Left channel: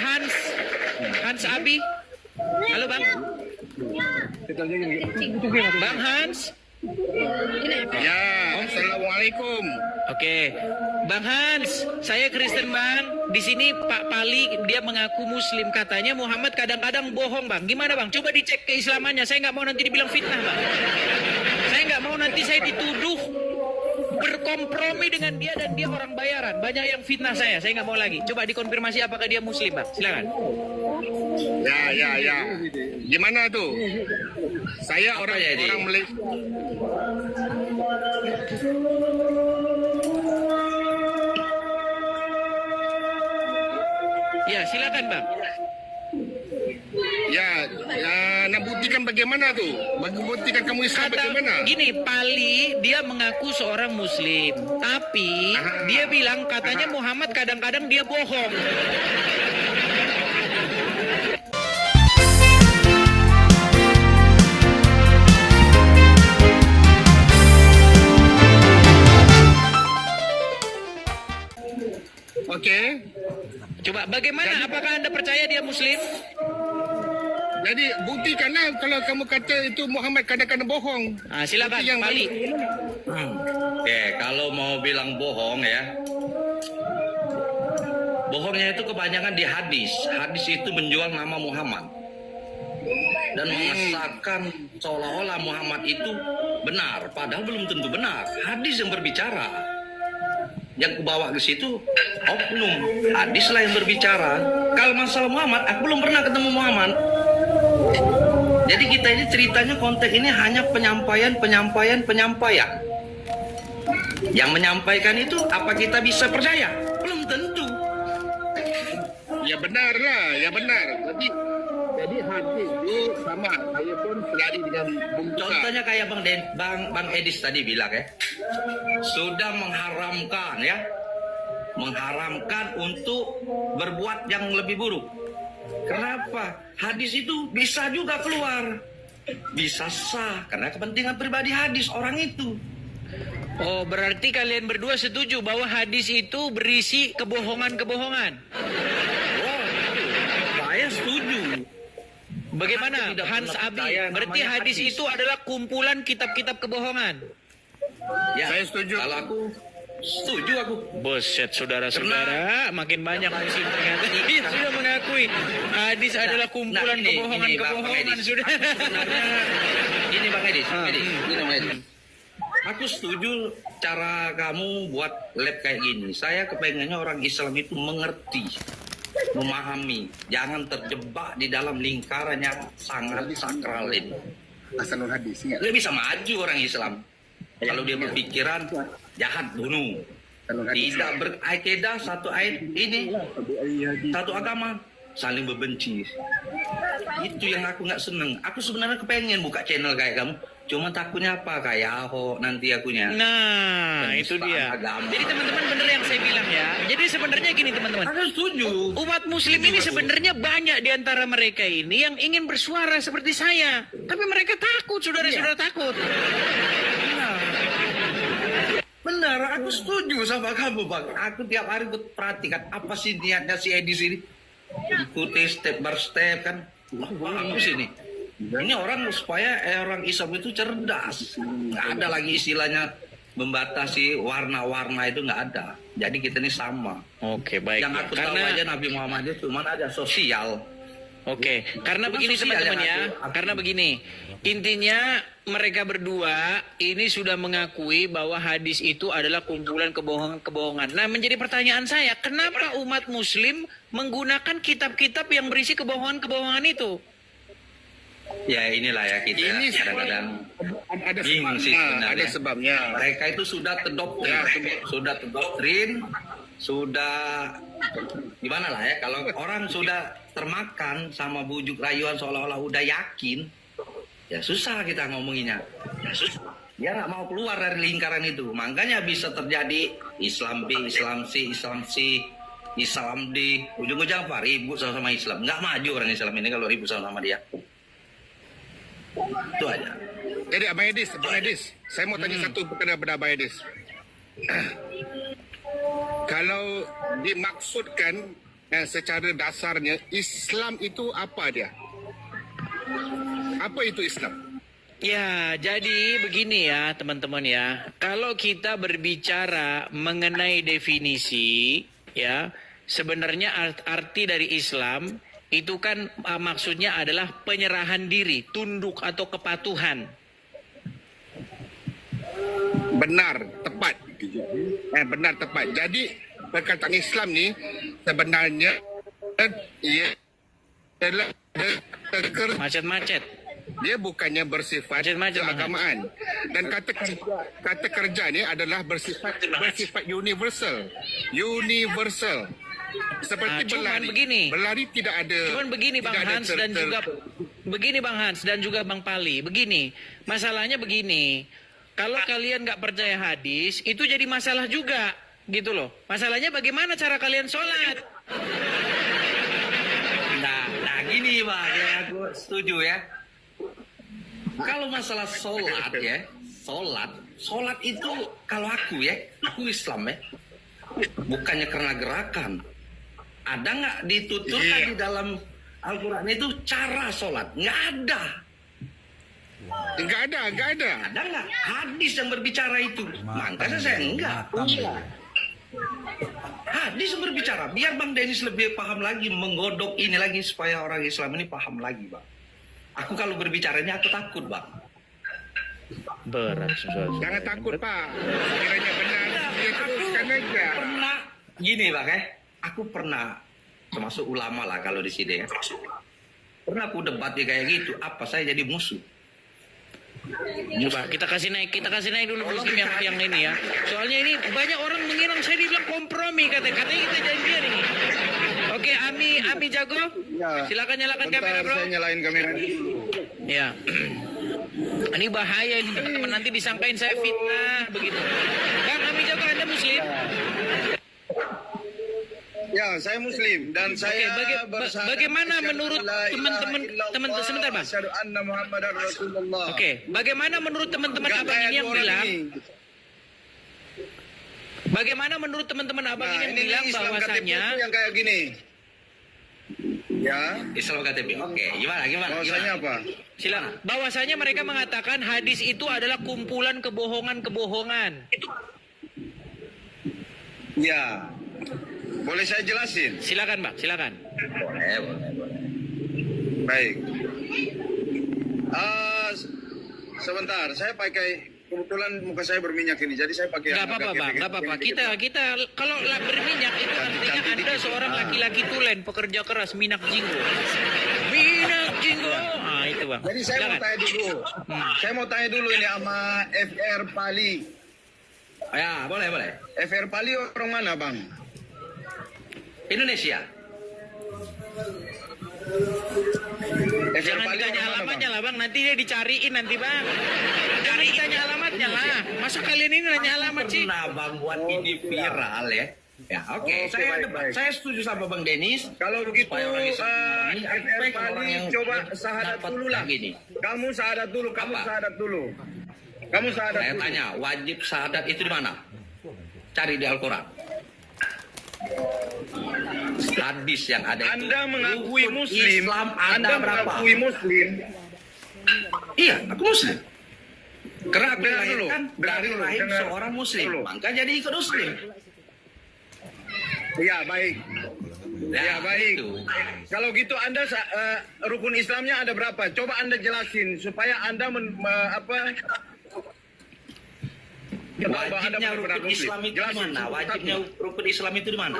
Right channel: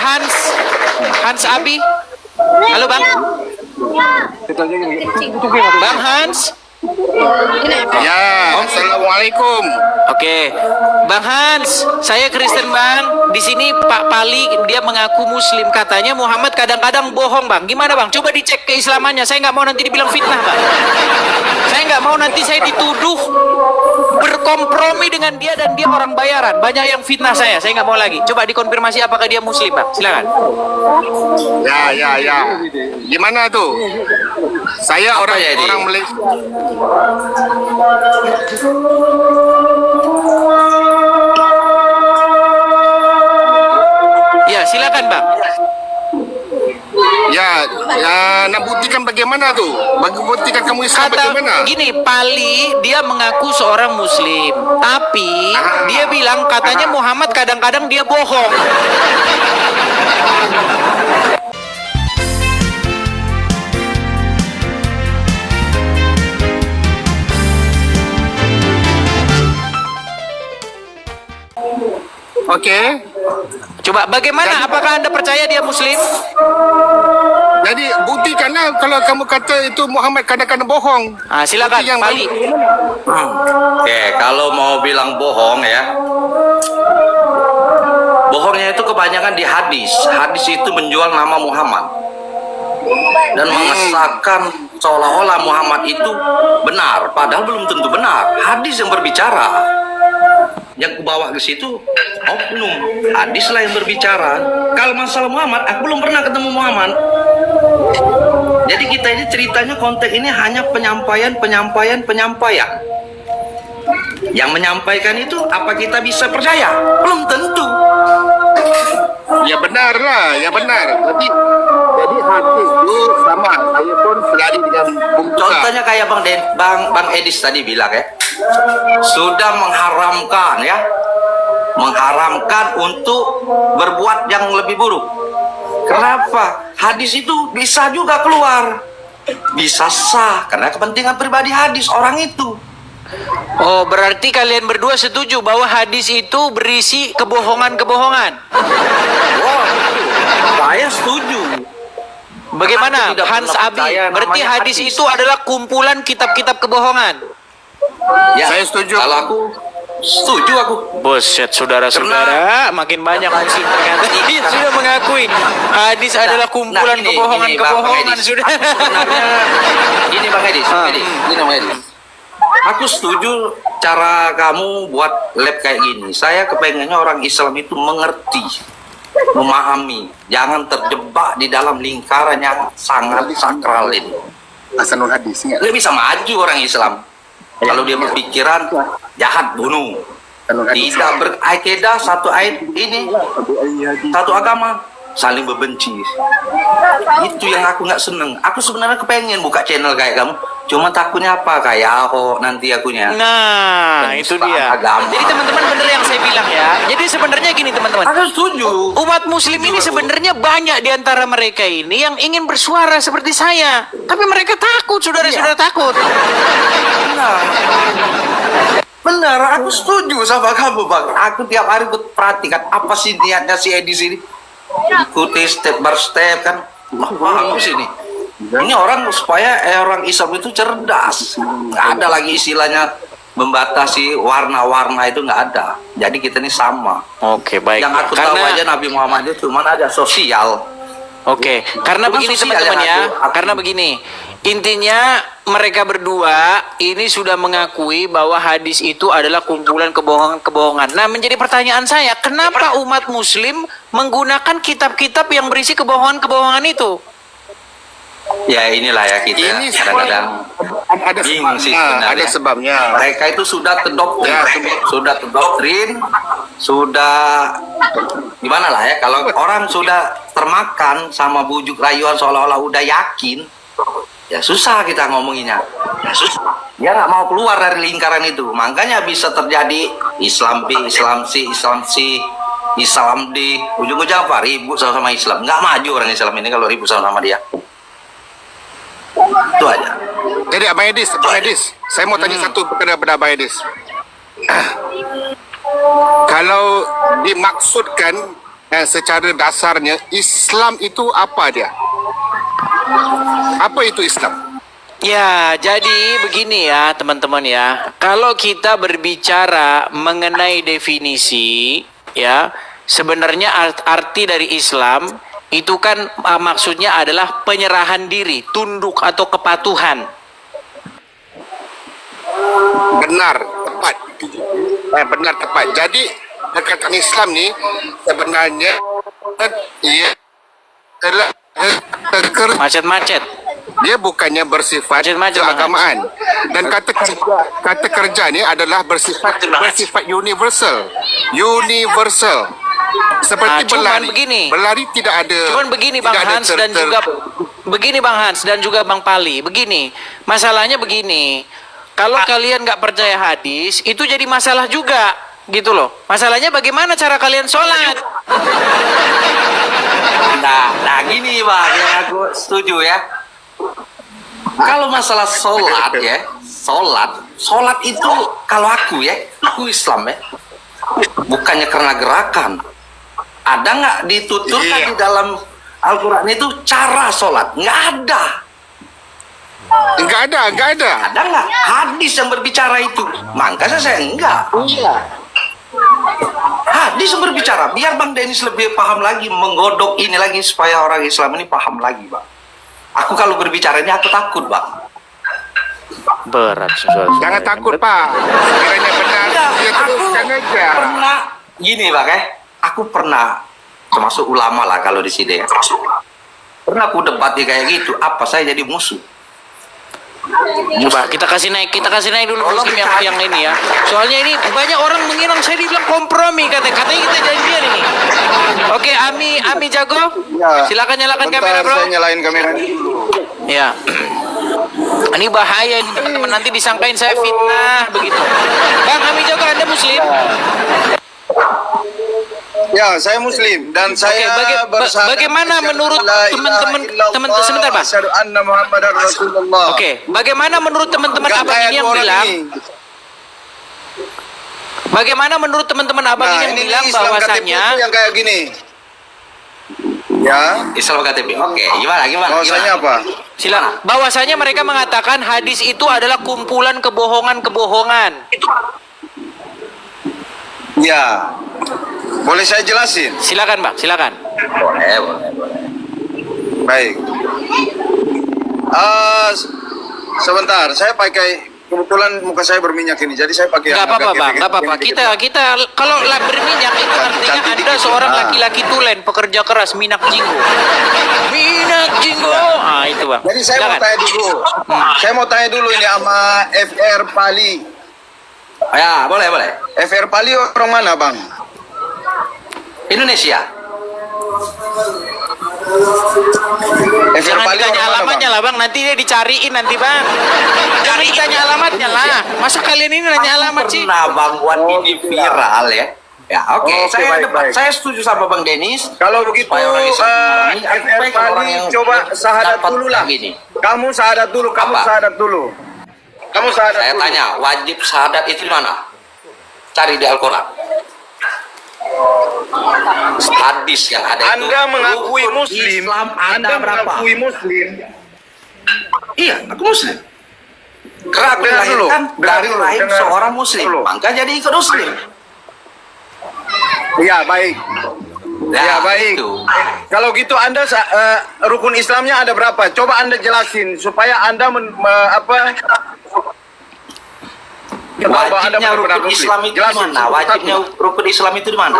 Hans Abi. Halo Bang. Bang Hans. Ya, assalamualaikum. Oke, Bang Hans, saya Kristen Bang. Di sini Pak Pali dia mengaku Muslim, katanya Muhammad kadang-kadang bohong Bang. Gimana Bang? Coba dicek keislamannya. Saya nggak mau nanti dibilang fitnah Bang. Saya nggak mau nanti saya dituduh berkompromi dengan dia dan dia orang bayaran. Banyak yang fitnah saya nggak mau lagi. Coba dikonfirmasi apakah dia Muslim Bang. Silakan. Ya. Gimana tuh? Saya orang Malaysia. Ya, silakan Bang. Ya, nak buktikan bagaimana tuh? Buktikan kamu Islam bagaimana? Gini, Pali dia mengaku seorang Muslim, tapi dia bilang katanya Muhammad kadang-kadang dia bohong. Oke. Coba bagaimana? Apakah Anda percaya dia Muslim? Jadi buktikanlah kalau kamu kata itu Muhammad kadang-kadang bohong. Silakan Bukti yang Pali. Oke, kalau mau bilang bohong ya, bohongnya itu kebanyakan di hadis. Hadis itu menjual nama Muhammad dan mengesahkan seolah-olah Muhammad itu benar, padahal belum tentu benar. Hadis yang berbicara. Yang ku bawa ke situ oknum, hadislah yang berbicara. Kalau masalah Muhammad, aku belum pernah ketemu Muhammad. Jadi kita ini ceritanya konteks ini hanya penyampaian. Yang menyampaikan itu apa kita bisa percaya? Belum tentu. Ya benar lah, ya benar. Jadi hadis itu sama. Saya pun selari dengan bukti. Contohnya kayak Bang Edis tadi bilang ya, sudah mengharamkan untuk berbuat yang lebih buruk. Kenapa? Hadis itu bisa juga keluar, bisa sah karena kepentingan pribadi hadis orang itu. Oh, berarti kalian berdua setuju bahwa hadis itu berisi kebohongan-kebohongan? Oh, saya setuju. Bagaimana Aku tidak Hans pernah Abi? percaya Berarti namanya hadis itu adalah kumpulan kitab-kitab kebohongan. Ya, Saya setuju. Kalau aku setuju aku. Buset, saudara-saudara, makin banyak muslim ternyata ini sudah mengakui hadis adalah kumpulan ini kebohongan-kebohongan Bang Edis. sudah. Sebenarnya ini Bang Edis, ini Bang Edis. Aku setuju cara kamu buat lab kayak gini. Saya kepengennya orang Islam itu mengerti, memahami, jangan terjebak di dalam lingkaran yang sangat sakral ini. Hasanul hadis ya. Nggak bisa maju orang Islam kalau dia berpikiran jahat bunuh. Tidak berakidah satu ayat ini, satu agama saling membenci. Itu yang aku nggak seneng. Aku sebenarnya kepengen buka channel kayak kamu, cuma takutnya apa kayak Ahok nanti akunya. Nah, itu dia. Agama. Jadi teman-teman bener yang saya bilang ya. Jadi sebenarnya gini teman-teman. Aku setuju. Umat muslim ini sebenarnya banyak di antara mereka ini yang ingin bersuara seperti saya. Tapi mereka takut, saudara-saudara takut. Benar, aku setuju sama kamu Bang. Aku tiap hari perhatikan apa sih niatnya si Edi sini. Ikuti step by step kan. Bagus ini. Ini orang supaya orang Islam itu cerdas. Nggak ada lagi istilahnya membatasi warna-warna itu nggak ada. Jadi kita ini sama. Oke, baik. Yang aku tahu aja Nabi Muhammad itu cuma ada sosial. Oke, karena Cuma begini sosial teman-teman yang ya. Karena begini. Intinya mereka berdua ini sudah mengakui bahwa hadis itu adalah kumpulan kebohongan-kebohongan. Nah, menjadi pertanyaan saya, kenapa umat muslim menggunakan kitab-kitab yang berisi kebohongan-kebohongan itu? Ya inilah ya kita Ini kadang-kadang ada bingung sih sebabnya. sebenarnya. Ada sebabnya. Mereka itu sudah terdoktrin, sudah gimana lah ya, kalau orang sudah termakan sama bujuk rayuan seolah-olah udah yakin, ya susah kita ngomonginnya. Ya susah. Dia nggak mau keluar dari lingkaran itu. Makanya bisa terjadi Islam B, Islam C, Islam C, Islam D. Ujung-ujung apa? Ribut sama Islam. Nggak maju orang Islam ini kalau ribut sama dia. Itu aja. Jadi Abang Edis, saya mau tanya satu kepada Abang Edis. Kalau dimaksudkan secara dasarnya Islam itu apa dia? Apa itu Islam? Ya, jadi begini ya teman-teman ya. Kalau kita berbicara mengenai definisi ya, sebenarnya arti dari Islam itu kan maksudnya adalah penyerahan diri, tunduk atau kepatuhan. Benar, tepat. Benar, tepat. Jadi perkataan Islam ni sebenarnya ia adalah Macet-macet. dia bukannya bersifat Macet-macet, keagamaan. Dan kata kerja ni adalah bersifat universal. Universal. Seperti cuman berlari. begini. Berlari tidak ada. Cuman begini Bang tidak ada Hans dan juga begini Bang Hans dan juga Bang Pali. Begini, masalahnya begini. Kalau kalian nggak percaya hadis, itu jadi masalah juga, gitu loh. Masalahnya bagaimana cara kalian sholat? Nah gini Bang, yang aku setuju ya. Kalau masalah sholat ya, sholat itu kalau aku Islam ya, bukannya karena gerakan. Ada nggak dituturkan di dalam Al-Quran itu cara sholat? Nggak ada. Enggak ada. Ada nggak hadis yang berbicara itu? Makanya saya enggak. Hadis yang berbicara. Biar Bang Dennis lebih paham lagi, menggodok ini lagi supaya orang Islam ini paham lagi, Bang. Aku kalau berbicara ini aku takut, Bang. Berat sesuatu. Jangan takut, Pak. Sekiranya benar, dia teruskan aja. Pernah gini, Bang aku pernah termasuk ulama lah kalau di sini ya. Pernah aku debat kayak gitu, apa saya jadi musuh? Coba kita kasih naik dulu muslim yang ini ya. Soalnya ini banyak orang mengira saya dibilang kompromi katanya kita janjian ini. Oke, Ami jago. Ya, Silakan nyalakan bentar, kamera, Bro. Saya nyalain kamera dulu. Ya. Ini bahaya ini teman-teman, nanti disangkain saya fitnah begitu. Bang Ami jago, Anda muslim? Ya, saya Muslim dan saya bersyahadat bagaimana asyhadu menurut an la ilaha teman-teman illallah sebentar, Pak. asyhadu anna Muhammadar Rasulullah. Oke, bagaimana menurut teman-teman Nggak abang kayak ini yang orang bilang? ini. Bagaimana menurut teman-teman abang ini yang ini bilang Islam bahwasannya KTP itu yang kayak gini. Ya, Islam KTP. Oke, gimana? bahwasanya apa? silakan. Bahwasanya mereka mengatakan hadis itu adalah kumpulan kebohongan-kebohongan. Ya. Boleh saya jelasin? Silakan, Bang, silakan. Boleh. Baik. Sebentar, saya pakai kebetulan muka saya berminyak ini, jadi saya pakai Enggak yang apa-apa, agak Bang, gede- enggak apa-apa. gede- Kita kalau berminyak itu artinya Cantik Anda dikit. seorang Ah. laki-laki tulen, pekerja keras, minak jinggo. Minak jinggo. Ah, itu, Bang. Jadi saya mau Silakan. tanya dulu. Saya mau tanya dulu ini sama FR Pali. Ya, boleh. FR Pali orang mana, Bang? Indonesia. FR Jangan Pali ditanya orang mana, alamatnya Bang? lah, Bang. Nanti dia dicariin nanti, Bang. Jangan ditanya alamatnya lah. Masa kalian ini nanya alamat sih? Pernah Bang buat ini viral ya. Ya, oke. Oke, Saya baik, debat. baik. Saya setuju sama Bang Denis. Kalau begitu, Supaya orang Islam memahami, aku FR pengen orang Pali yang coba syahadat dapat dulu lah. begini. Kamu syahadat dulu, kamu Apa? syahadat dulu. Kamu syahadat Saya dulu. tanya, wajib syahadat itu di mana? Cari di Al-Quran. Hadis yang ada itu. Anda mengakui rukun Muslim. Islam ada Anda berapa? mengakui Muslim. Iya, aku Muslim. Karena aku Dengar dulu, dilahirkan dengar dari dulu, rahim dengar seorang Muslim. dulu. Maka jadi ikut Muslim. Iya, baik. Ya, baik. Itu. Kalau gitu Anda rukun Islamnya ada berapa? Coba Anda jelasin supaya Anda Wajibnya rukun Islam itu di Jelasin mana? Wajibnya rukun Islam itu di mana?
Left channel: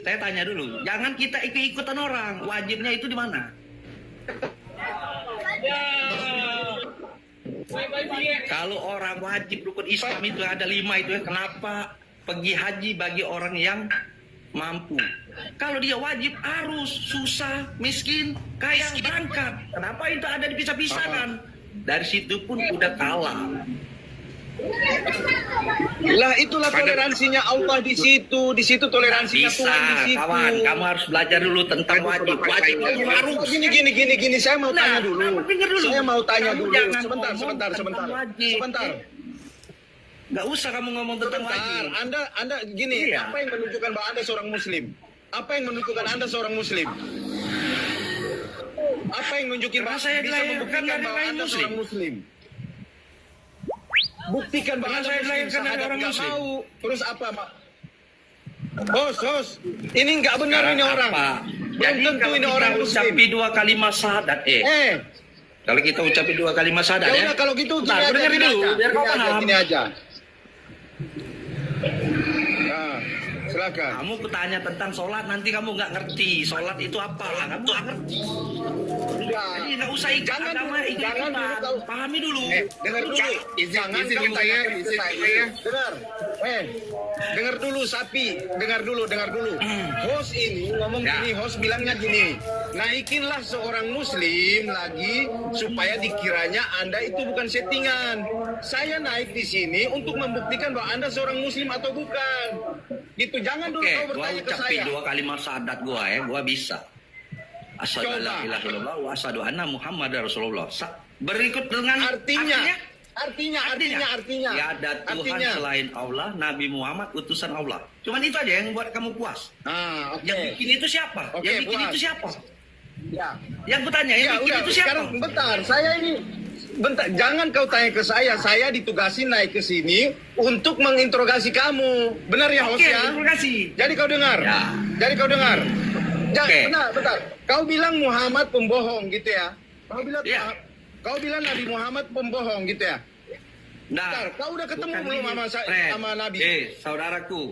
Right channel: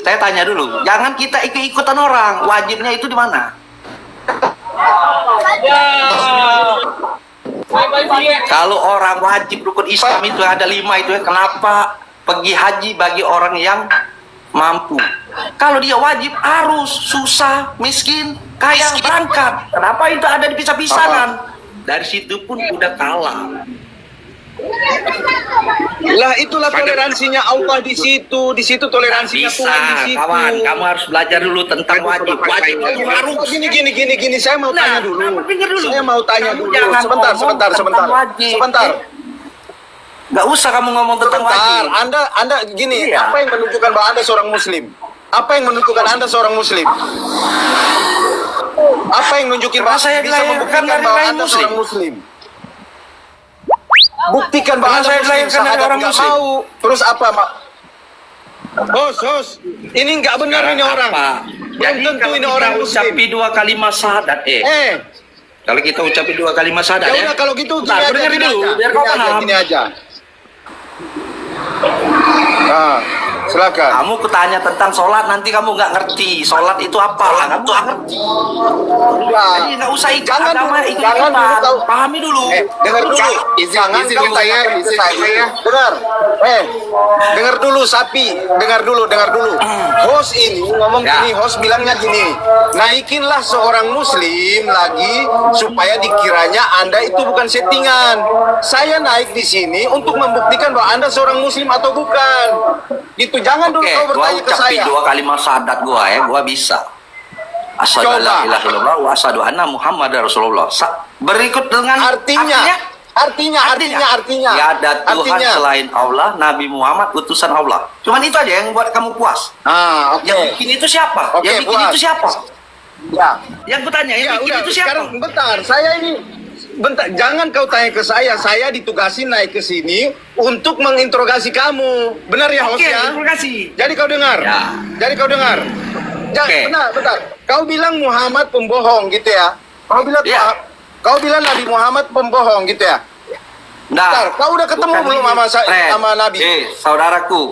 Saya tanya dulu. Jangan kita ikut-ikutan orang. Wajibnya itu di mana? Kalau orang wajib rukun Islam itu ada 5 itu ya. Kenapa pergi haji bagi orang yang mampu? Kalau dia wajib harus susah, miskin, kaya berangkat. Kenapa itu ada dipisah-pisahkan? Dari situ pun udah kalah. Lah itulah toleransinya Allah di situ toleransinya Bisa, Tuhan di situ. kawan. Kamu harus belajar dulu tentang wajib. Wajib itu harus. Gini, saya mau tanya dulu. Pikir dulu. Saya mau tanya dulu. Jangan Sebentar. ngomong tentang wajib. Sebentar. Nggak usah kamu ngomong tentang Bentar, wajib. Anda gini, Iya. apa yang menunjukkan bahwa Anda seorang muslim? Apa yang menunjukkan Anda seorang muslim? Apa yang nunjukin Karena bahwa saya bisa dilahirkan membuktikan dari bahwa rahim Anda muslim. seorang muslim? Buktikan bahwa Karena Anda saya muslim, dilahirkan dari sahabat orang nggak muslim. mau. Terus apa, Mak? Hos, ini nggak benar ini orang. Apa? Jadi Belum tentu kalau ini kita orang muslim. ucapi 2 kalimat syahadat, kalau kita ucapi 2 kalimat syahadat, Ya udah kalau gitu gini Bentar, aja, dengerin gini dulu, aja. biar kau Gini aja, paham. gini aja. Nah, silakan. Kamu kutanya tentang sholat, nanti kamu nggak ngerti. Sholat itu apa? Kamu nggak ngerti. Nah, Jadi nggak usah ikut jangan agama, dulu, ikut jangan dulu ikutan. tahu. Pahami dulu. Dengar dulu. Jangan izin kamu saya, katakan ke izin saya. saya. Dengar. Dengar dulu sapi. Dengar dulu. Host ini ngomong Ya. gini, host bilangnya gini. Naikinlah seorang muslim lagi supaya dikiranya Anda itu bukan settingan. Saya naik di sini untuk membuktikan bahwa Anda seorang muslim atau bukan. Itu jangan dulu Oke, kau gua bertanya ke ucapi saya. 2 kalimat syahadat gua bisa. Asyhadu an la Coba. ilaha illallah wa asyhadu anna Muhammadar Rasulullah. Berikut dengan Artinya. Tiada Tuhan selain Allah, Nabi Muhammad utusan Allah. Cuman itu aja yang buat kamu puas. Ah, oke. Yang bikin itu siapa? Oke, Yang bikin puas. itu siapa? Ya. Yang kutanya, yang Ya bikin udah, itu siapa? sekarang bentar. Saya ini bentar, jangan kau tanya ke saya. Saya ditugasin naik ke sini untuk menginterogasi kamu. Benar ya, host Oke, ya? terima kasih. Jadi kau dengar. Ya. Jadi kau dengar. Oke. Bentar. Kau bilang Muhammad pembohong gitu ya? Ya. Kau bilang Nabi Muhammad pembohong gitu ya? Bentar, kau udah ketemu bukan belum ini, sama Fred. sama Nabi? Saudaraku,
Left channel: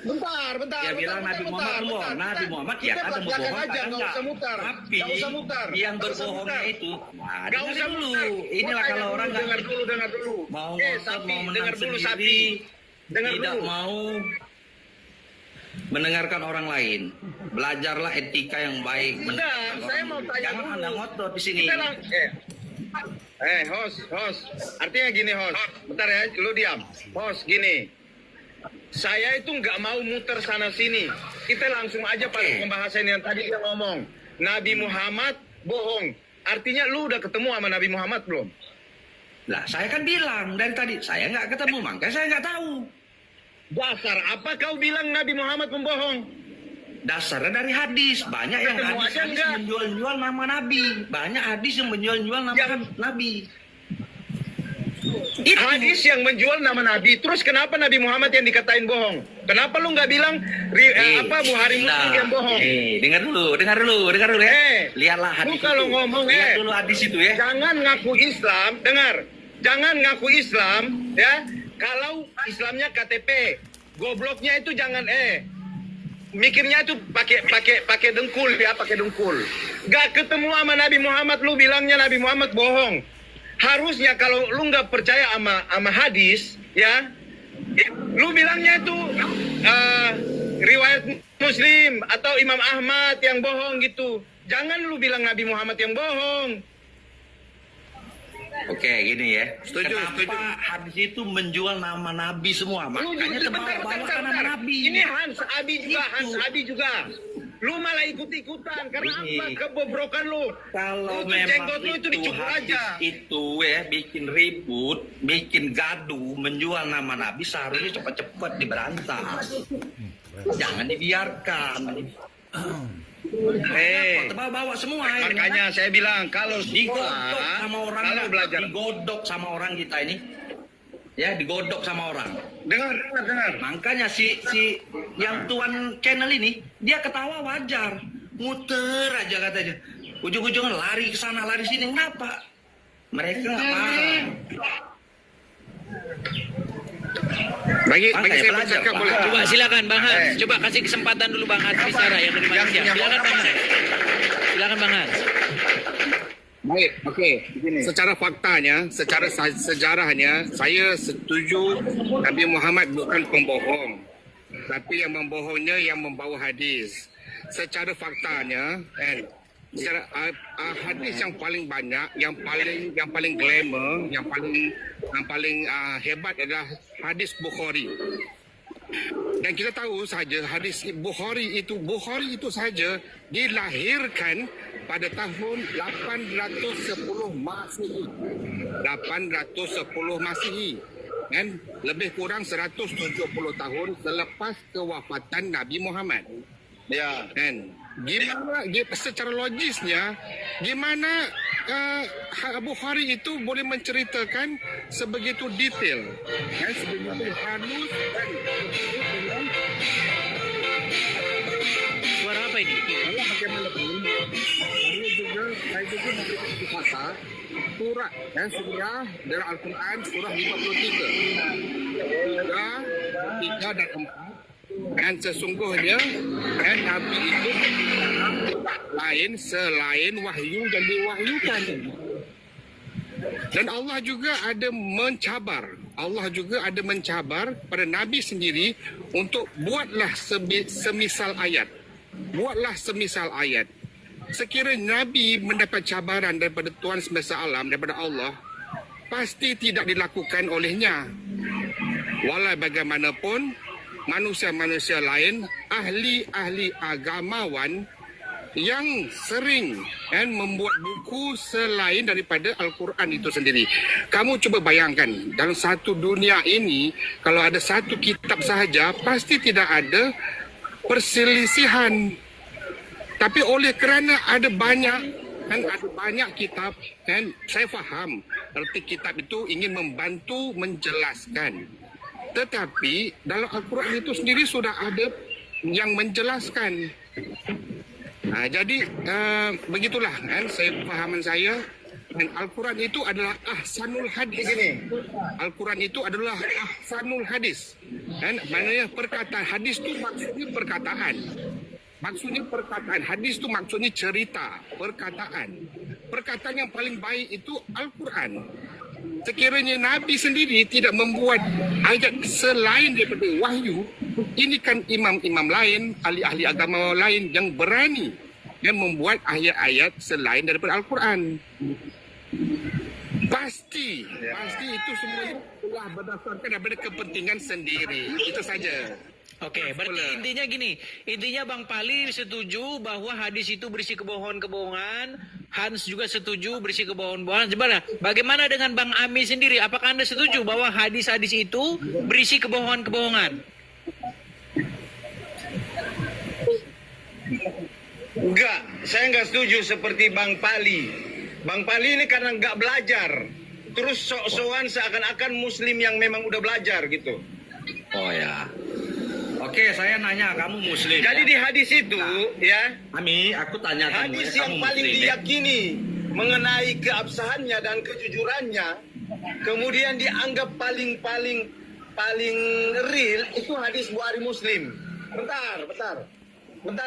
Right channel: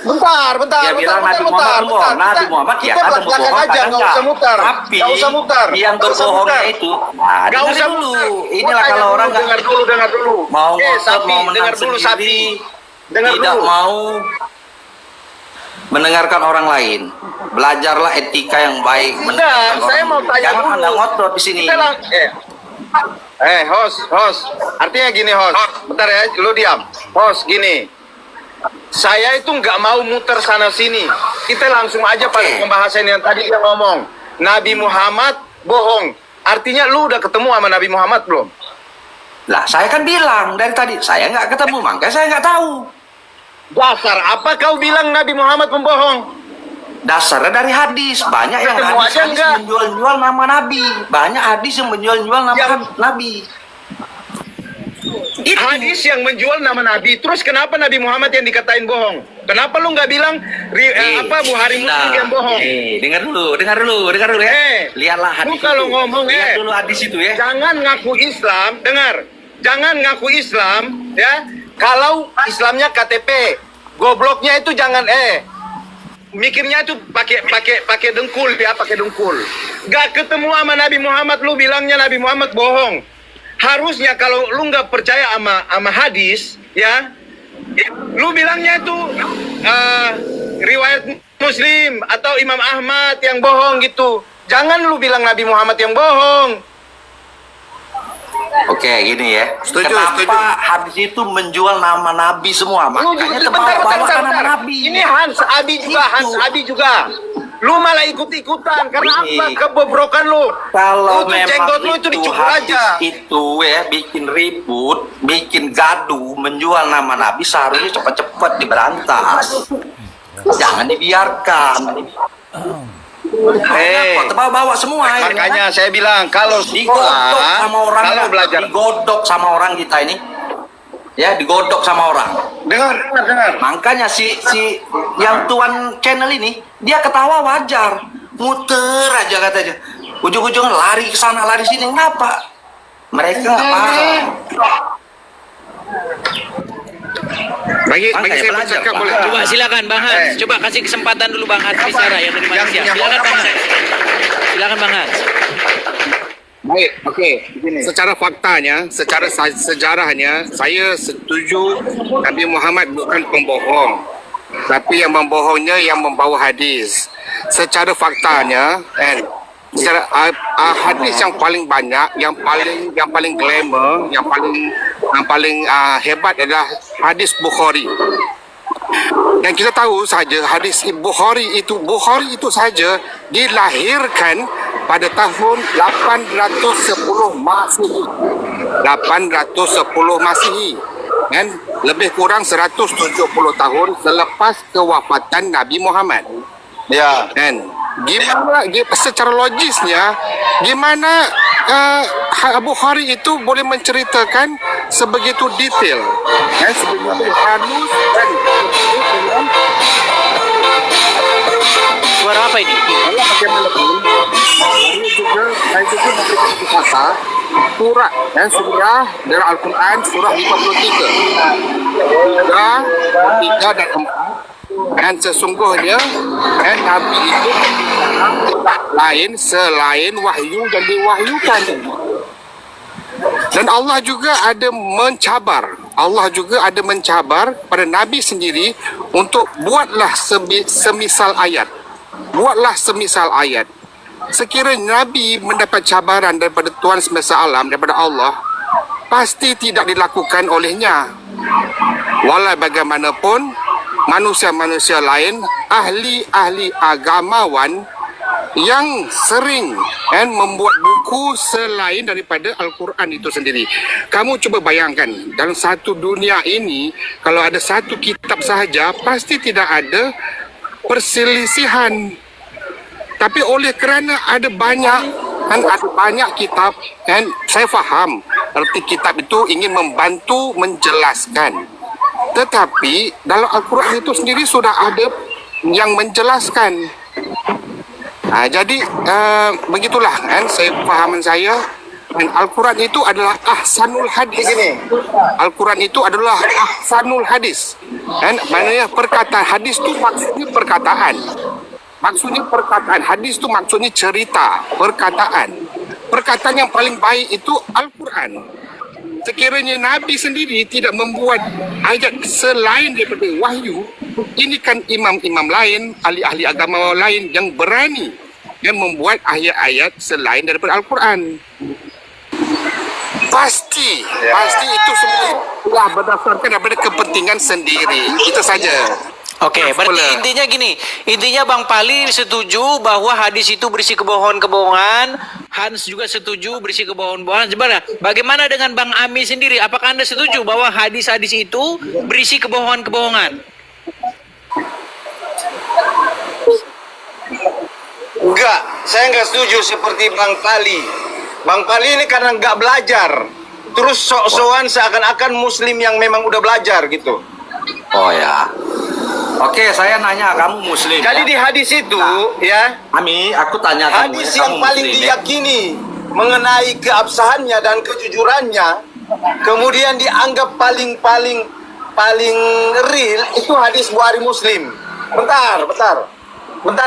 Bentar. dia bilang Nabi Muhammad berbohong. Nabi Muhammad ya Kita kata belak-belakan berbohong, aja, kadang nggak enggak. usah mutar. Tapi Nggak usah mutar. yang Nggak usah berbohongnya mutar. itu, Nggak dengerin usah dulu. mutar. Inilah Tanya kalau dulu, orang nggak dengar dulu. mau ngotot, sapi, mau menang dengar dulu sendiri, sapi. Dengar tidak dulu. mau mendengarkan orang lain. Belajarlah etika yang baik. mendengarkan saya orang mau lain. tanya Jangan dulu. Anda ngotot di sini. Host. Artinya gini, host. Bentar ya, lu diam. Host, gini. Saya itu nggak mau muter sana sini. Kita langsung aja pada Oke. pembahasan yang tadi dia ngomong. Nabi Muhammad bohong. Artinya lu udah ketemu sama Nabi Muhammad belum? Lah, saya kan bilang dari tadi, saya nggak ketemu, makanya saya nggak tahu. Dasar, apa kau bilang Nabi Muhammad pembohong? Dasarnya dari hadis. Banyak yang Ketemu aja hadis enggak? menjual-jual nama Nabi. Banyak hadis yang menjual-jual nama Ya. Nabi. Hadis yang menjual nama Nabi. Terus kenapa Nabi Muhammad yang dikatain bohong? Kenapa lu nggak bilang Buhari Muslim yang bohong? Dengar dulu ya. Lihatlah Lu hadis. kalau itu. ngomong, Lihat dulu hadis itu ya. Jangan ngaku Islam, dengar. Jangan ngaku Islam, ya. Kalau Islamnya KTP, gobloknya itu jangan mikirnya itu pakai dengkul ya, pakai dengkul. Gak ketemu sama Nabi Muhammad, lu bilangnya Nabi Muhammad bohong. Harusnya kalau lu nggak percaya sama hadis, ya, lu bilangnya itu riwayat Muslim atau Imam Ahmad yang bohong gitu. Jangan lu bilang Nabi Muhammad yang bohong. Oke, gini ya. Setuju, Kenapa setuju. hadis itu menjual nama Nabi semua? Lu Makanya juga terbawa-bawa nama Nabi. Ini Hans Abi juga. Lu malah ikut-ikutan karena Ini. apa? Kebobrokan lu. Kalau Lu tuh memang jenggot lu itu dicukur hadis aja. itu ya bikin ribut, bikin gaduh, menjual nama Nabi, seharusnya cepat-cepat diberantas. Jangan dibiarkan. Kok terbawa-bawa semua ya. Makanya saya bilang kalau Digodok sama orang, kalau belajar. digodok sama orang kita ini, ya digodok sama orang. Dengar. Makanya si yang tuan channel ini dia ketawa wajar, muter aja katanya, ujung-ujungnya lari ke sana lari sini. Kenapa? Mereka nggak paham. Bagi Bang, saya belajar, bercakap Bang. boleh. Coba silakan Bang Hans. Coba kasih kesempatan dulu Bang Hans bicara yang dari Malaysia. Silakan Bang Hans. Silakan Bang Hans. Baik, okey. Secara faktanya, secara sejarahnya, saya setuju Nabi Muhammad bukan pembohong. Tapi yang membohongnya yang membawa hadis. Secara faktanya, secara hadis yang paling banyak, yang paling glamour, yang paling hebat adalah hadis Bukhari. Dan kita tahu saja hadis Bukhari itu saja dilahirkan pada tahun 810 Masehi. 810 Masehi. kan, lebih kurang 170 tahun selepas kewafatan Nabi Muhammad. Ya. Kan, secara logisnya gimana Bukhari itu boleh menceritakan sebegitu detail, kan, sebegitu halus dan Suara apa ini? bagaimanapun ini juga saya juga memberikan kata surah surah dari Al-Quran surah 53 dan 4, dan sesungguhnya Nabi itu tidak lain selain wahyu yang diwahyukan. Dan Allah juga ada mencabar pada Nabi sendiri untuk buatlah semisal ayat. Sekiranya Nabi mendapat cabaran daripada Tuhan semesta alam, daripada Allah, pasti tidak dilakukan olehnya. Walau bagaimanapun, manusia-manusia lain, ahli-ahli agamawan yang sering membuat buku selain daripada Al-Quran itu sendiri. Kamu cuba bayangkan, dalam satu dunia ini, kalau ada satu kitab sahaja, pasti tidak ada perselisihan. Tapi oleh kerana ada banyak kitab, saya faham arti kitab itu ingin membantu menjelaskan. Tetapi dalam Al-Quran itu sendiri sudah ada yang menjelaskan. Jadi begitulah saya pahaman saya. Al-Quran itu adalah ahsanul hadis. Al-Quran itu adalah ahsanul hadis. Maknanya perkataan hadis itu maksudnya perkataan. Hadis itu maksudnya cerita, perkataan. Perkataan yang paling baik itu Al-Quran. Sekiranya Nabi sendiri tidak membuat ayat selain daripada wahyu, ini kan imam-imam lain, ahli-ahli agama lain yang berani yang membuat ayat-ayat selain daripada Al-Quran. Pasti itu semua berdasarkan daripada kepentingan sendiri. Itu saja. Oke, berarti intinya Bang Pali setuju bahwa hadis itu berisi kebohongan-kebohongan. Hans juga setuju berisi kebohongan-kebohongan. Sebenarnya, bagaimana dengan Bang Ami sendiri? Apakah Anda setuju bahwa hadis-hadis itu berisi kebohongan-kebohongan? Enggak, saya enggak setuju seperti Bang Pali. Bang Pali ini karena enggak belajar. Terus sok-sokan seakan-akan muslim yang memang udah belajar gitu. Oh ya. Oke, saya nanya, kamu muslim. Jadi ya? di hadis itu, ya, Ami, aku tanya kamu. hadis ya, yang kamu paling muslim, diyakini mengenai keabsahannya dan kejujurannya, kemudian dianggap paling real, itu hadis Bukhari Muslim. Bentar,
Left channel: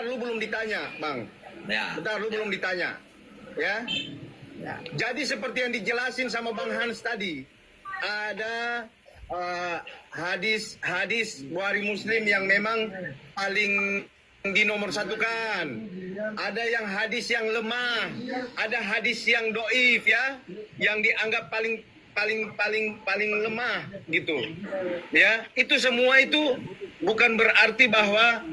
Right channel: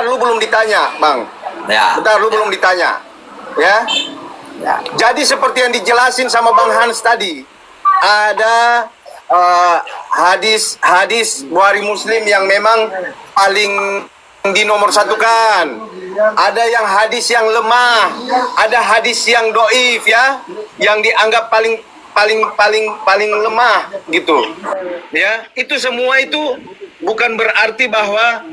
lu belum ditanya, Bang. Ya. Bentar, lu belum ditanya. Ya. Jadi seperti yang dijelasin sama Bang Hans tadi, ada hadis Bukhari Muslim yang memang paling dinomorsatukan. Ada yang hadis yang lemah, ada hadis yang doif ya, yang dianggap paling lemah gitu. Ya, itu semua itu bukan berarti bahwa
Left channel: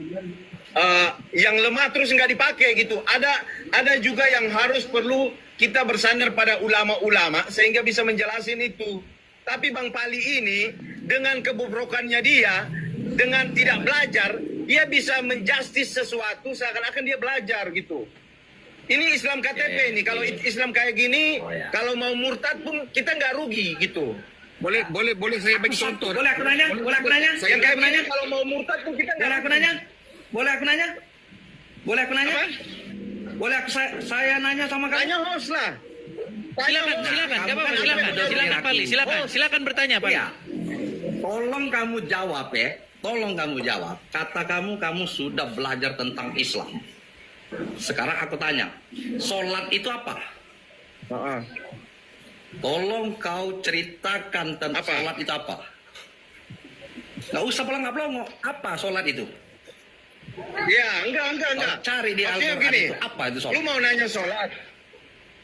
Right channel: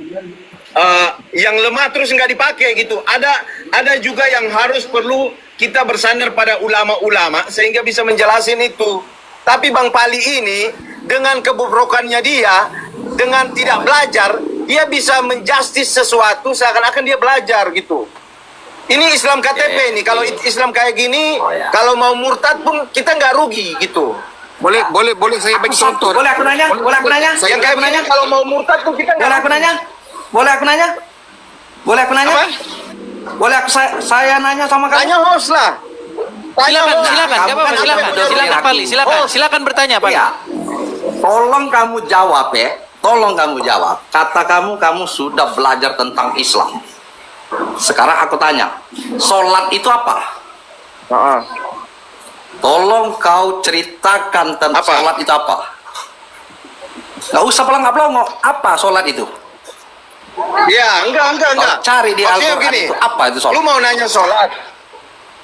yang lemah terus nggak dipakai gitu. Ada juga yang harus perlu kita bersandar pada ulama-ulama sehingga bisa menjelasin itu. Tapi Bang Pali ini dengan kebobrokannya dia, dengan tidak belajar, dia bisa menjustis sesuatu seakan-akan dia belajar gitu. Ini Islam KTP nih. Kalau Islam kayak gini, kalau mau murtad pun kita nggak rugi gitu. Boleh saya bagi contoh. Boleh aku nanya? Yang kayak gini kalau mau murtad pun kita nggak. Boleh aku nanya? Apa? Boleh saya nanya sama kamu? Tanya host lah. Silakan bertanya, Pak. Ya. Tolong kamu jawab ya. Kata kamu sudah belajar tentang Islam. Sekarang aku tanya, sholat itu apa? Tolong kau ceritakan tentang sholat itu apa? Gak usah pelangap-pelongok. Apa sholat itu? Ya, enggak. Cari di Maksudnya Al-Quran begini, itu apa itu sholat? lu mau nanya sholat?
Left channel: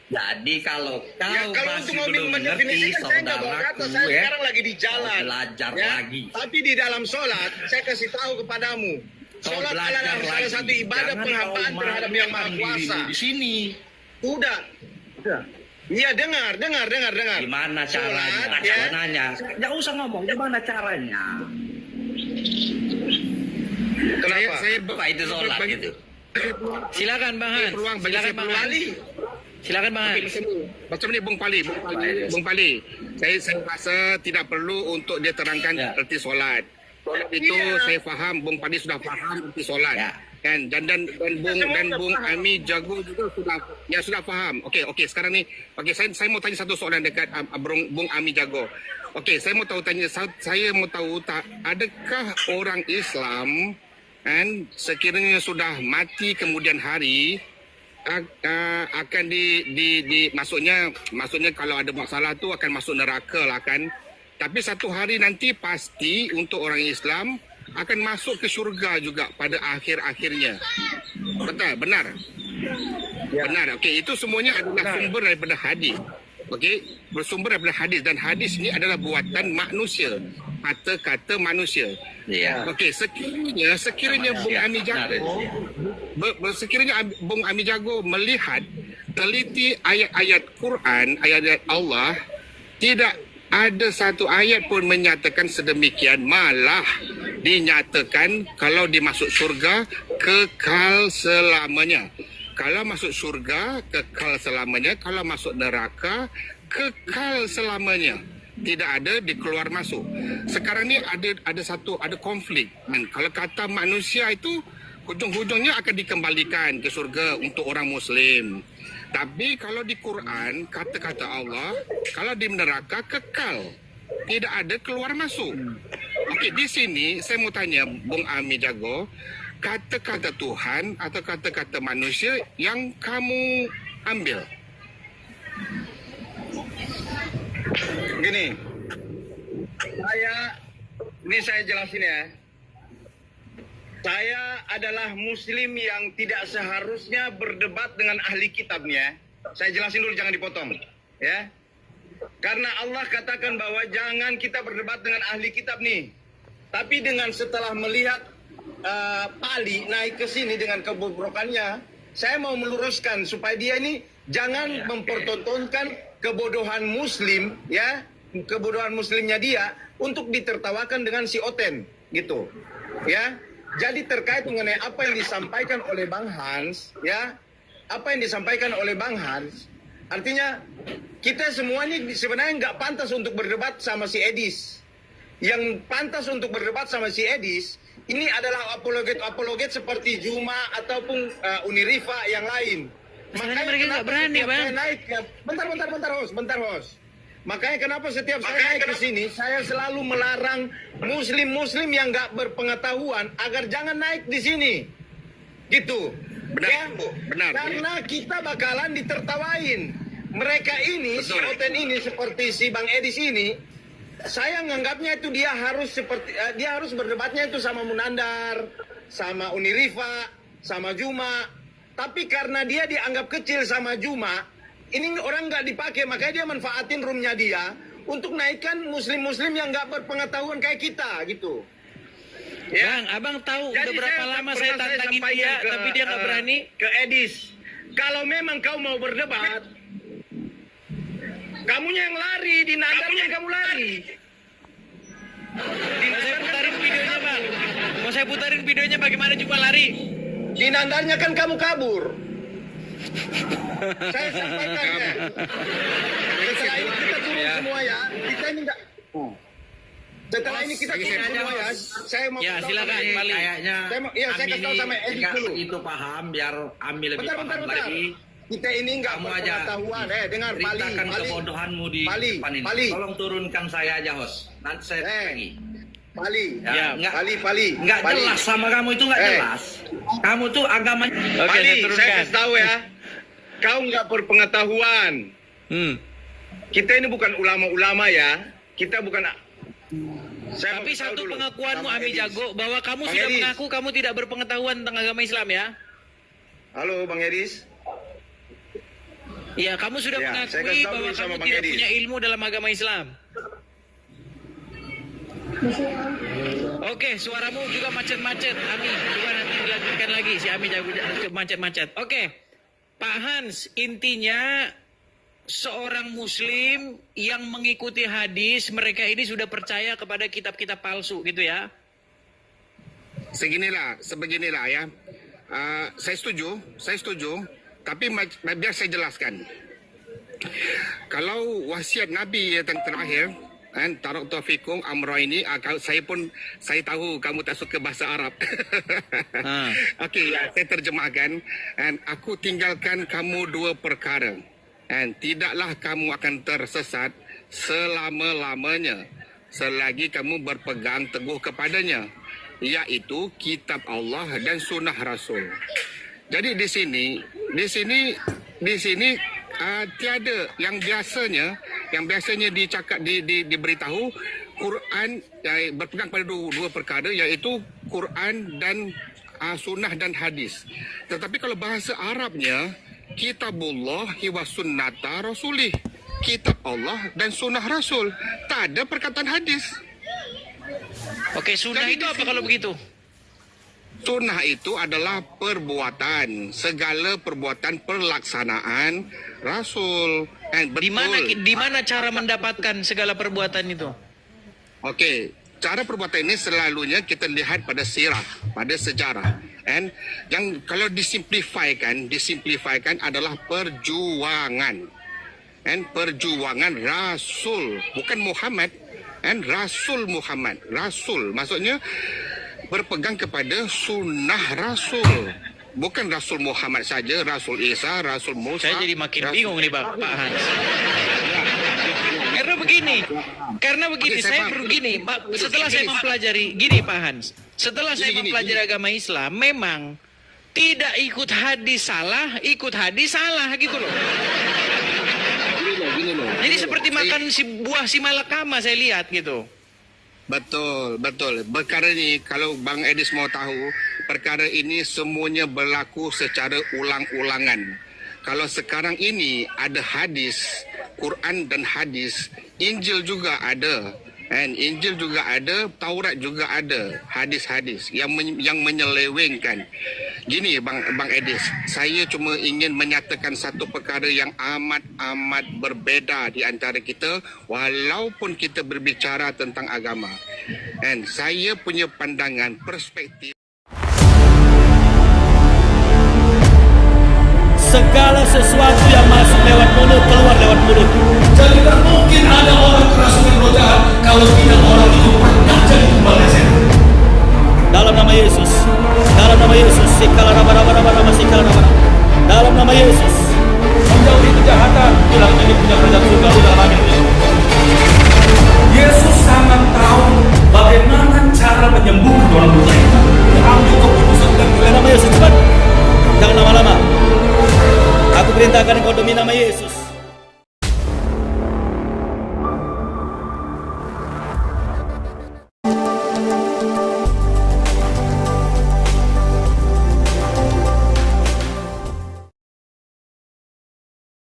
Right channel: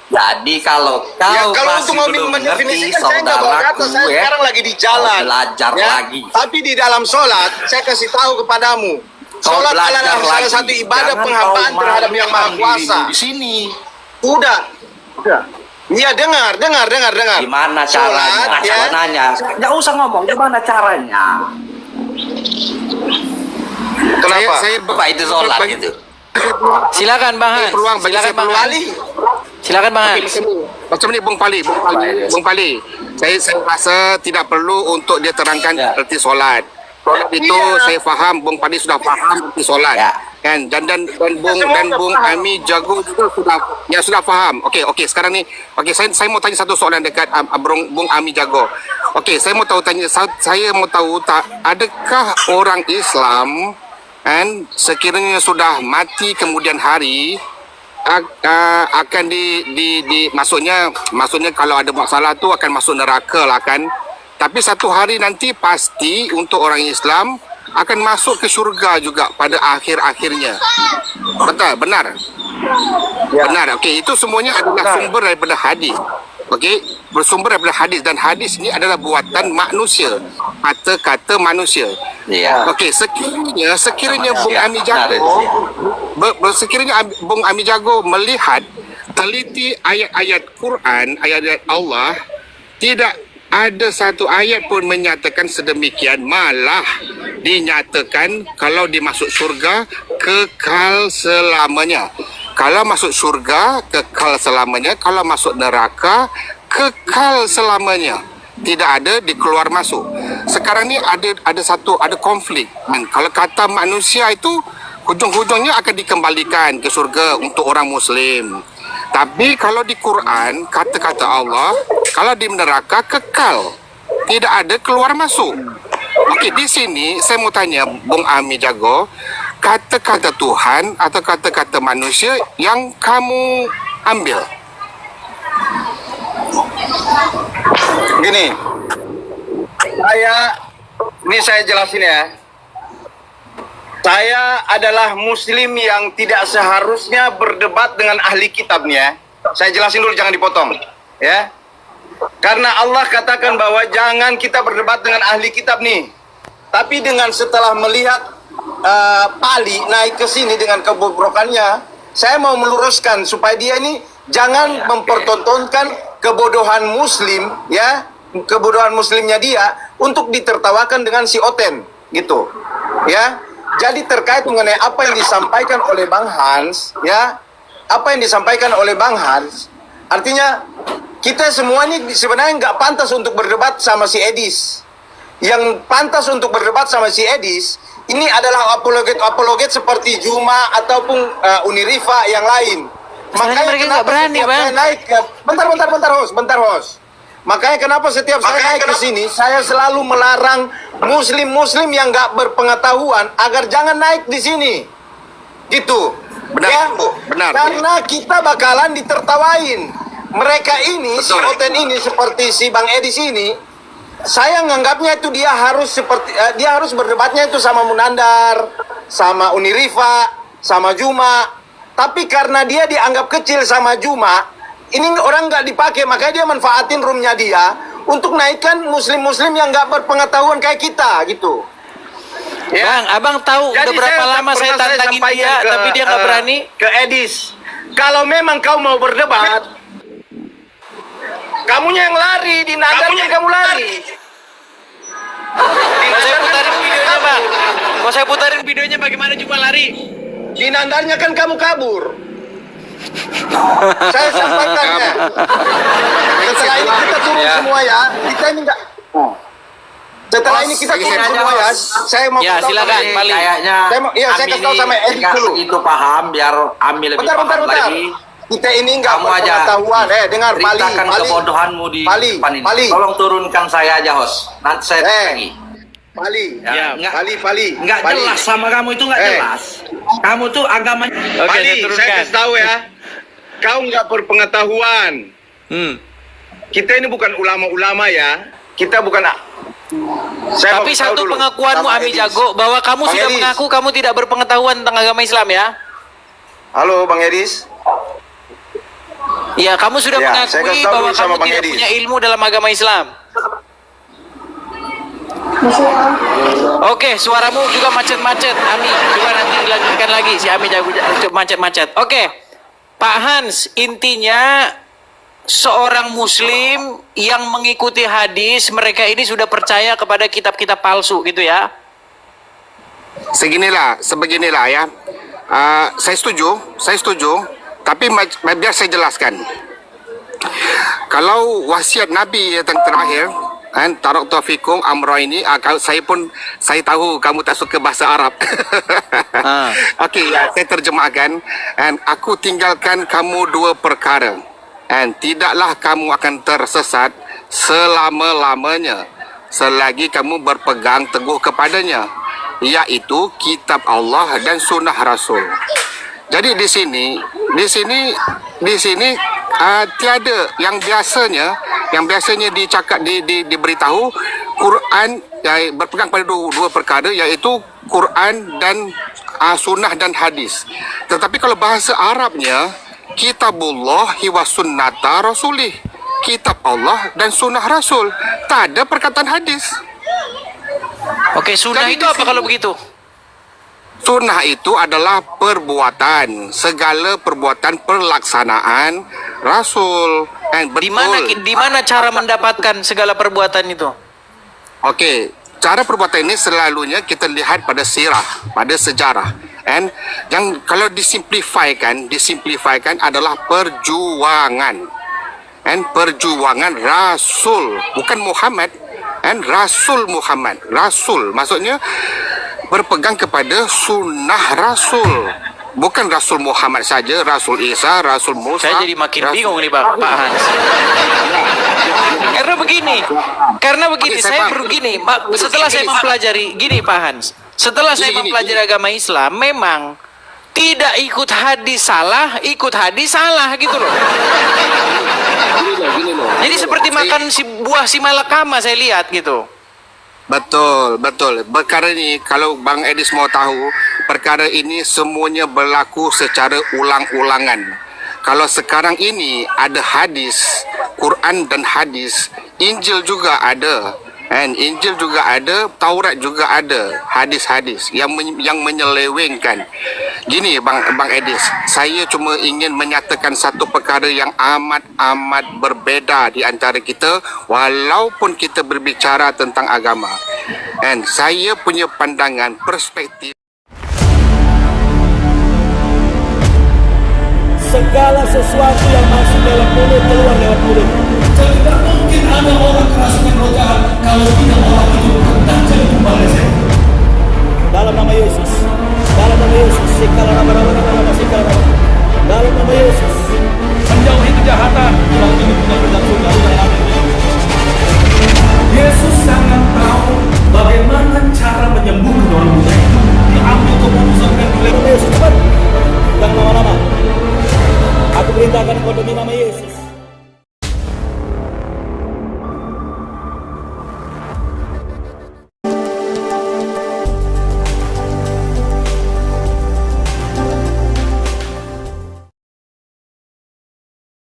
Jadi kalau kau Kalau masih untuk belum ngerti, mendefinisikan saya nggak mau kata, saya saudaraku sekarang lagi di jalan. belajar lagi. Tapi di dalam sholat, saya kasih tahu kepadamu. Sholat adalah salah satu ibadah penghambaan terhadap Yang Maha Kuasa. Di sini. Udah. Iya, dengar. Gimana Sholat, caranya? ya. Saya nanya. Nggak usah ngomong. Gimana caranya? Kenapa? Apa itu sholat gitu? Silakan Bang Hans. Peluang bagi Silakan saya Bang peluang. Hans. Silakan Bang Hans. Macam ni Bung Pali. Saya rasa tidak perlu untuk dia terangkan Ya. erti solat. Solat itu saya faham, Bung Pali sudah faham erti solat. Ya. Kan dan Bung Ami Jago juga sudah faham. Okey, sekarang ni saya mau tanya satu soalan dekat Bung Ami Jago. Okey, saya mau tahu adakah orang Islam kan sekiranya sudah mati kemudian hari akan maksudnya kalau ada masalah tu akan masuk neraka lah kan, tapi satu hari nanti pasti untuk orang Islam akan masuk ke syurga juga pada akhir-akhirnya. Benar. Benar. Okey, itu semuanya adalah sumber daripada hadis. Okey, bersumber daripada hadis, dan hadis ini adalah buatan manusia, kata-kata manusia. Iya. Okey, sekiranya Bung Ami Jago melihat teliti ayat-ayat Quran, ayat-ayat Allah, tidak ada satu ayat pun menyatakan sedemikian, malah dinyatakan kalau dimasuk syurga kekal selamanya. Kalau masuk syurga kekal selamanya, kalau masuk neraka kekal selamanya. Tidak ada dikeluar masuk. Sekarang ni ada konflik. Kalau kata manusia itu hujung-hujungnya akan dikembalikan ke syurga untuk orang Muslim. Tapi kalau di Quran kata-kata Allah, kalau di neraka kekal, tidak ada keluar masuk. Okey, di sini saya mau tanya Bung Ami Jago, kata-kata Tuhan atau kata-kata manusia yang kamu ambil? Gini, saya jelasin ya. Saya adalah Muslim yang tidak seharusnya berdebat dengan ahli kitabnya. Saya jelasin dulu, jangan dipotong, ya. Karena Allah katakan bahwa jangan kita berdebat dengan ahli kitab nih. Tapi dengan setelah melihat Pali naik ke sini dengan kebobrokannya, saya mau meluruskan supaya dia ini jangan mempertontonkan kebodohan Muslim, ya, kebodohan Muslimnya dia untuk ditertawakan dengan si Oten, gitu, ya. Jadi terkait mengenai apa yang disampaikan oleh Bang Hans, ya, apa yang disampaikan oleh Bang Hans, artinya kita semua ini sebenarnya nggak pantas untuk berdebat sama si Edis. Yang pantas untuk berdebat sama si Edis ini adalah apologet seperti Juma ataupun Unirifa yang lain. Makanya mereka nggak berani, Bang. Bentar, host. Makanya kenapa setiap saya naik ke sini, saya selalu melarang Muslim yang nggak berpengetahuan agar jangan naik di sini. Gitu. Benar, ya? Bu. Benar. Karena kita bakalan ditertawain. Mereka ini, si Oten ini seperti si Bang Edis ini, saya nganggapnya itu dia harus berdebatnya itu sama Munandar, sama Unirifa, sama Juma. Tapi karena dia dianggap kecil sama Juma, ini orang nggak dipakai, makanya dia manfaatin roomnya dia untuk naikkan muslim-muslim yang nggak berpengetahuan kayak kita, gitu. Ya. Bang, abang tahu Jadi udah berapa lama saya tantangin dia, tapi dia nggak berani. Ke Edis, kalau memang kau mau berdebat, kamunya yang lari, di nadarnya kamu lari. Mau saya putarin videonya, Bang. Mau saya putarin videonya bagaimana cuma lari. Di nandarnya kan kamu kabur. Saya sampaikannya. Setelah ini kita turun semua ya. Kita ini enggak. Setelah ini kita turun semua ya. Saya mau Ya, silakan, Pali. Kayaknya saya kasih tahu sama Edi dulu. itu paham biar Ami lebih paham lagi. Kita ini enggak Kamu aja berpengetahuan. Dengar Pali. Ceritakan kebodohanmu di depan ini. Pali. Tolong turunkan saya aja, host. Nanti saya lagi. Pali. Ya, Pali. Nggak jelas sama kamu itu nggak jelas. Kamu tuh agama. Oke, saya kasih tahu ya. Kau nggak berpengetahuan. Kita ini bukan ulama-ulama ya. Kita bukan. Tapi satu pengakuanmu Ami Jago bahwa kamu Bang sudah Edis. mengaku kamu tidak berpengetahuan tentang agama Islam ya. Halo Bang Edis. Iya, kamu sudah Ya, saya mengakui kasih tahu bahwa dulu sama kamu Bang tidak Edis. punya ilmu dalam agama Islam. Oke, suaramu juga macet-macet. Ami, coba nanti dilanjutkan lagi si Ami Jago macet-macet. Oke, Pak Hans, intinya seorang muslim yang mengikuti hadis, mereka ini sudah percaya kepada kitab-kitab palsu gitu ya? Sebeginilah ya. Saya setuju. Tapi biar saya jelaskan. Kalau wasiat Nabi yang terakhir, taraktu fikum amrayni, saya tahu kamu tak suka bahasa Arab. Okey, saya terjemahkan. Aku tinggalkan kamu dua perkara. Tidaklah kamu akan tersesat selama-lamanya selagi kamu berpegang teguh kepadanya, iaitu kitab Allah dan sunnah Rasul. Jadi di sini tiada yang biasanya diberitahu Quran berpegang pada dua perkara, iaitu Quran dan sunnah dan hadis. Tetapi kalau bahasa Arabnya kitabullah wa sunnata rasulih, kitab Allah dan sunnah Rasul, tak ada perkataan hadis. Oke, sunnah itu apa kalau begitu? Sunnah itu adalah perbuatan, segala perbuatan pelaksanaan Rasul. Di mana cara mendapatkan segala perbuatan itu? Okey, cara perbuatan ini selalunya kita lihat pada sirah, pada sejarah. Yang kalau disimplifikan adalah perjuangan. Perjuangan Rasul, bukan Muhammad. Rasul Muhammad. Rasul maksudnya berpegang kepada sunnah Rasul, bukan Rasul Muhammad saja, Rasul Isa, Rasul Musa. Saya jadi makin bingung nih Pak Hans. Karena begini, saya perlu gini, setelah saya mempelajari, gini Pak Hans, setelah saya mempelajari agama Islam, memang tidak ikut hadis salah gitu loh. Jadi seperti makan buah si malakama saya lihat gitu. Betul. Perkara ini, kalau Bang Edis mau tahu, perkara ini semuanya berlaku secara ulang-ulangan. Kalau sekarang ini ada hadis, Quran dan hadis, Injil juga ada. Injil juga ada, Taurat juga ada, hadis-hadis yang menyelewengkan. Gini Bang Edis, saya cuma ingin menyatakan satu perkara yang amat berbeza di antara kita walaupun kita berbicara tentang agama. Saya punya pandangan, perspektif. Segala sesuatu yang masuk lewat mulut keluar lewat mulut. Dan tidak mungkin ada orang kerasukan roh jahat kalau tidak orang itu pernah jadi tumbal setan. Dalam nama Yesus, segala nama, segala nama. Dalam nama Yesus, menjauhi kejahatan, bilang ini punya kerajaan surga, dalam amin. Yesus sangat tahu bagaimana cara menyembuhkan orang buta itu. Diambil keputusan dan di nama Yesus, cepat. Jangan lama-lama. Aku perintahkan engkau demi nama Yesus.